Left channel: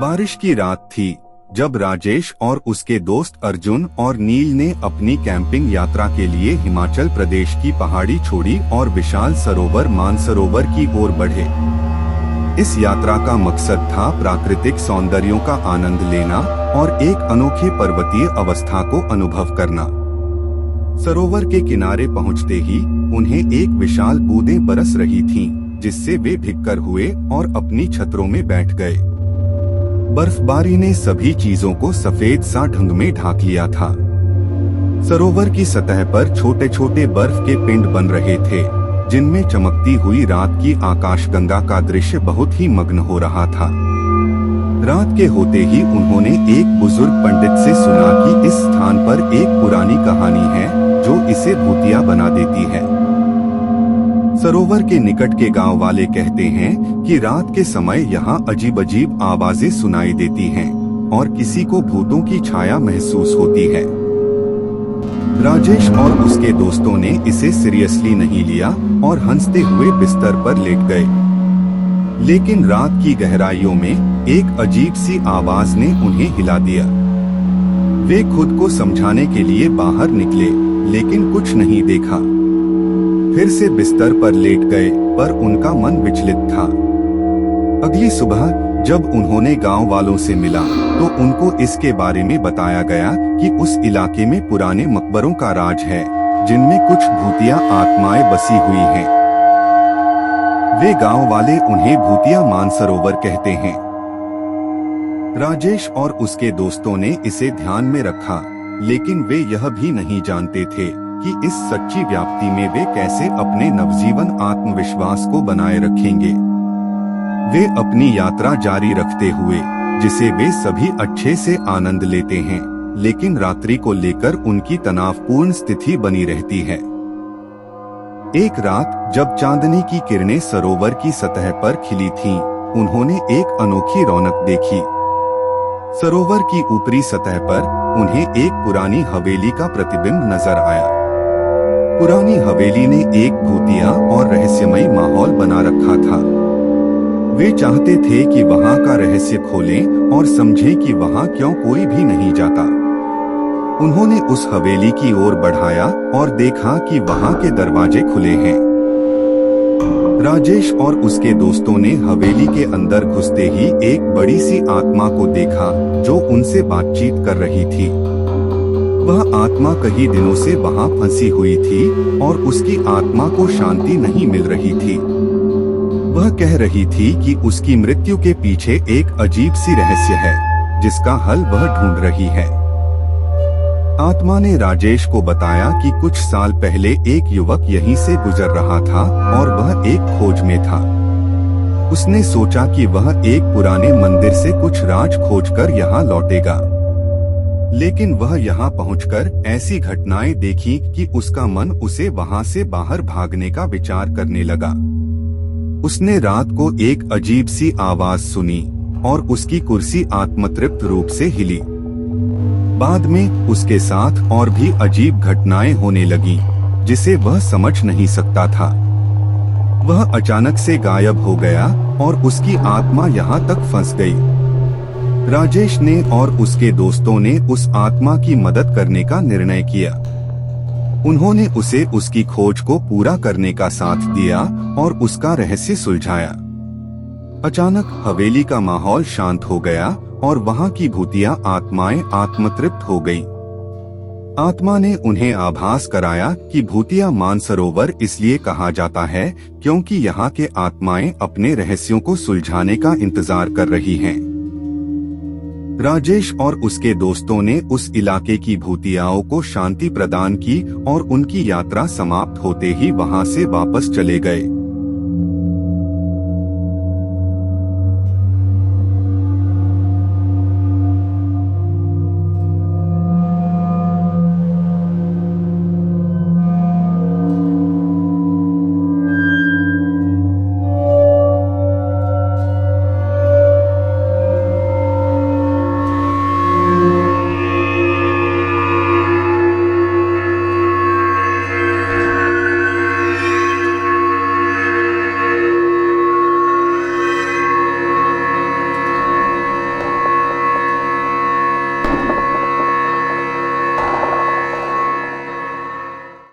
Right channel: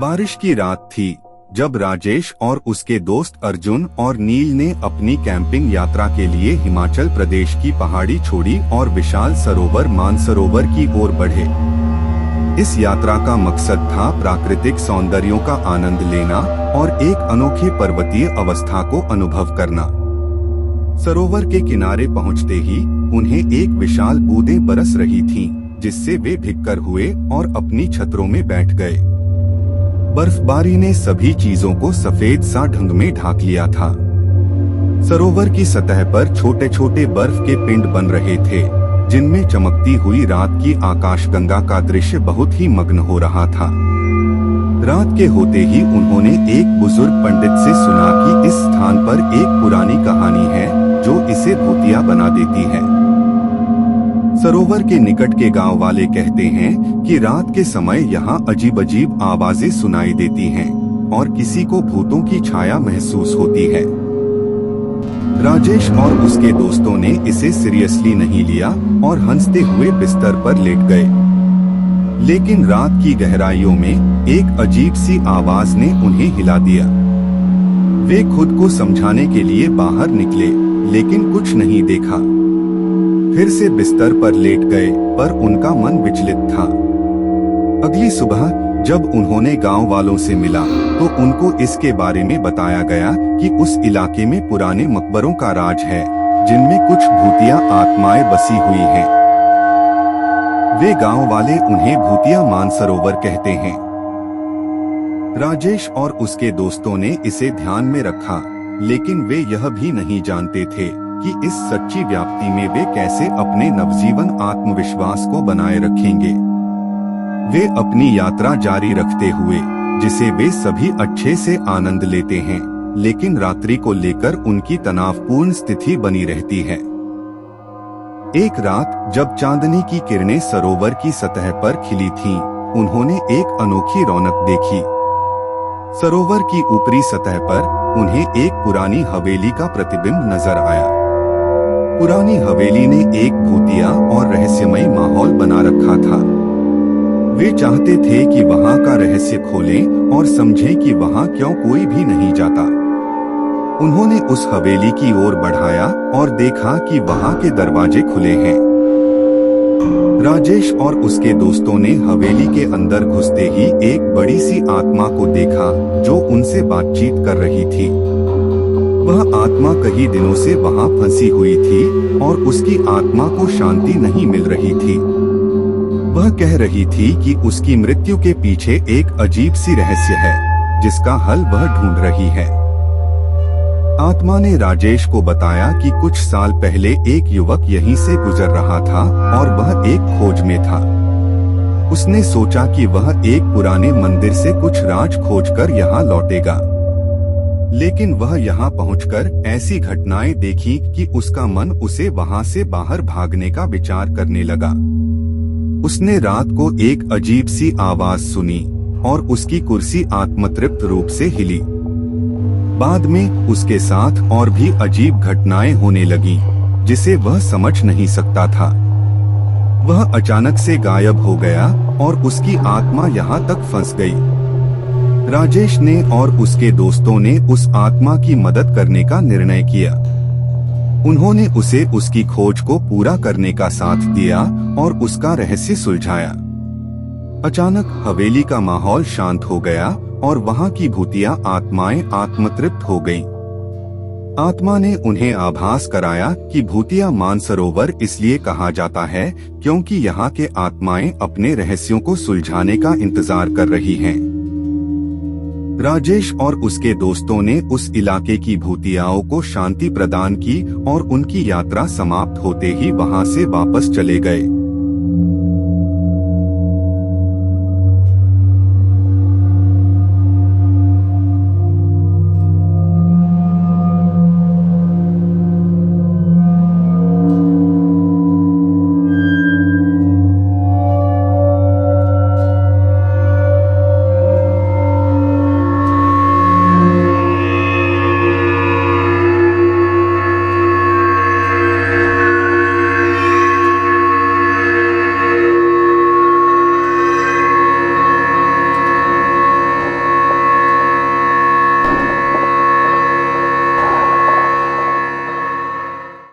बारिश की रात थी जब राजेश और उसके दोस्त अर्जुन और नील ने अपनी कैंपिंग यात्रा के लिए हिमाचल प्रदेश की पहाड़ी छोड़ी और विशाल सरोवर मानसरोवर की ओर बढ़े। इस यात्रा का मकसद था प्राकृतिक सौंदर्यों का आनंद लेना और एक अनोखे पर्वतीय अवस्था को अनुभव करना। सरोवर के किनारे पहुंचते ही उन्हें एक विशाल बूंदें बरस रही थीं, जिससे वे भीगकर हुए और अपनी छतरों में बैठ गए। बर्फबारी ने सभी चीजों को सफेद सा ढंग में ढाक लिया था। सरोवर की सतह पर छोटे छोटे बर्फ के पिंड बन रहे थे, जिनमें चमकती हुई रात की आकाशगंगा का दृश्य बहुत ही मग्न हो रहा था। रात के होते ही उन्होंने एक बुजुर्ग पंडित से सुना कि इस स्थान पर एक पुरानी कहानी है जो इसे भूतिया बना देती है। सरोवर के निकट के गांव वाले कहते हैं कि रात के समय यहाँ अजीब अजीब आवाजें सुनाई देती हैं और किसी को भूतों की छाया महसूस होती है। राजेश और उसके दोस्तों ने इसे सीरियसली नहीं लिया और हंसते हुए बिस्तर पर लेट गए। लेकिन रात की गहराइयों में एक अजीब सी आवाज ने उन्हें हिला दिया। वे खुद को समझाने के लिए बाहर निकले, लेकिन कुछ नहीं देखा। फिर से बिस्तर पर लेट गए, पर उनका मन विचलित था। अगली सुबह जब उन्होंने गांव वालों से मिला तो उनको इसके बारे में बताया गया कि उस इलाके में पुराने मकबरों का राज है, जिनमें कुछ भूतिया आत्माएं बसी हुई हैं। वे गांव वाले उन्हें भूतिया मानसरोवर कहते हैं। राजेश और उसके दोस्तों ने इसे ध्यान में रखा, लेकिन वे यह भी नहीं जानते थे कि इस सच्ची व्याप्ति में वे कैसे अपने नवजीवन आत्मविश्वास को बनाए रखेंगे। वे अपनी यात्रा जारी रखते हुए, जिसे वे सभी अच्छे से आनंद लेते हैं, लेकिन रात्रि को लेकर उनकी तनावपूर्ण स्थिति बनी रहती है। एक रात जब चांदनी की किरणें सरोवर की सतह पर खिली थीं, उन्होंने एक अनोखी रौनक देखी। सरोवर की ऊपरी सतह पर उन्हें एक पुरानी हवेली का प्रतिबिंब नजर आया। पुरानी हवेली ने एक भूतिया और रहस्यमयी माहौल बना रखा था। वे चाहते थे कि वहां का रहस्य खोलें और समझें कि वहां क्यों कोई भी नहीं जाता। उन्होंने उस हवेली की ओर बढ़ाया और देखा कि वहां के दरवाजे खुले हैं। राजेश और उसके दोस्तों ने हवेली के अंदर घुसते ही एक बड़ी सी आत्मा को देखा जो उनसे बातचीत कर रही थी। वह आत्मा कई दिनों से वहां फंसी हुई थी और उसकी आत्मा को शांति नहीं मिल रही थी। वह कह रही थी कि उसकी मृत्यु के पीछे एक अजीब सी रहस्य है, जिसका हल वह ढूंढ रही है। आत्मा ने राजेश को बताया कि कुछ साल पहले एक युवक यहीं से गुजर रहा था और वह एक खोज में था। उसने सोचा कि वह एक पुराने मंदिर से कुछ राज खोजकर यहाँ लौटेगा, लेकिन वह यहाँ पहुंचकर ऐसी घटनाएं देखी कि उसका मन उसे वहां से बाहर भागने का विचार करने लगा। उसने रात को एक अजीब सी आवाज सुनी और उसकी कुर्सी आत्मतृप्त रूप से हिली। बाद में उसके साथ और भी अजीब घटनाएं होने लगीं, जिसे वह समझ नहीं सकता था। वह अचानक से गायब हो गया और उसकी आत्मा यहाँ तक फंस गई। राजेश ने और उसके दोस्तों ने उस आत्मा की मदद करने का निर्णय किया। उन्होंने उसे उसकी खोज को पूरा करने का साथ दिया और उसका रहस्य सुलझाया। अचानक हवेली का माहौल शांत हो गया और वहां की भूतिया आत्माएं आत्मतृप्त हो गईं। आत्मा ने उन्हें आभास कराया कि भूतिया मानसरोवर इसलिए कहा जाता है क्योंकि यहाँ के आत्माएं अपने रहस्यों को सुलझाने का इंतजार कर रही हैं। राजेश और उसके दोस्तों ने उस इलाके की भूतियाओं को शांति प्रदान की और उनकी यात्रा समाप्त होते ही वहां से वापस चले गए।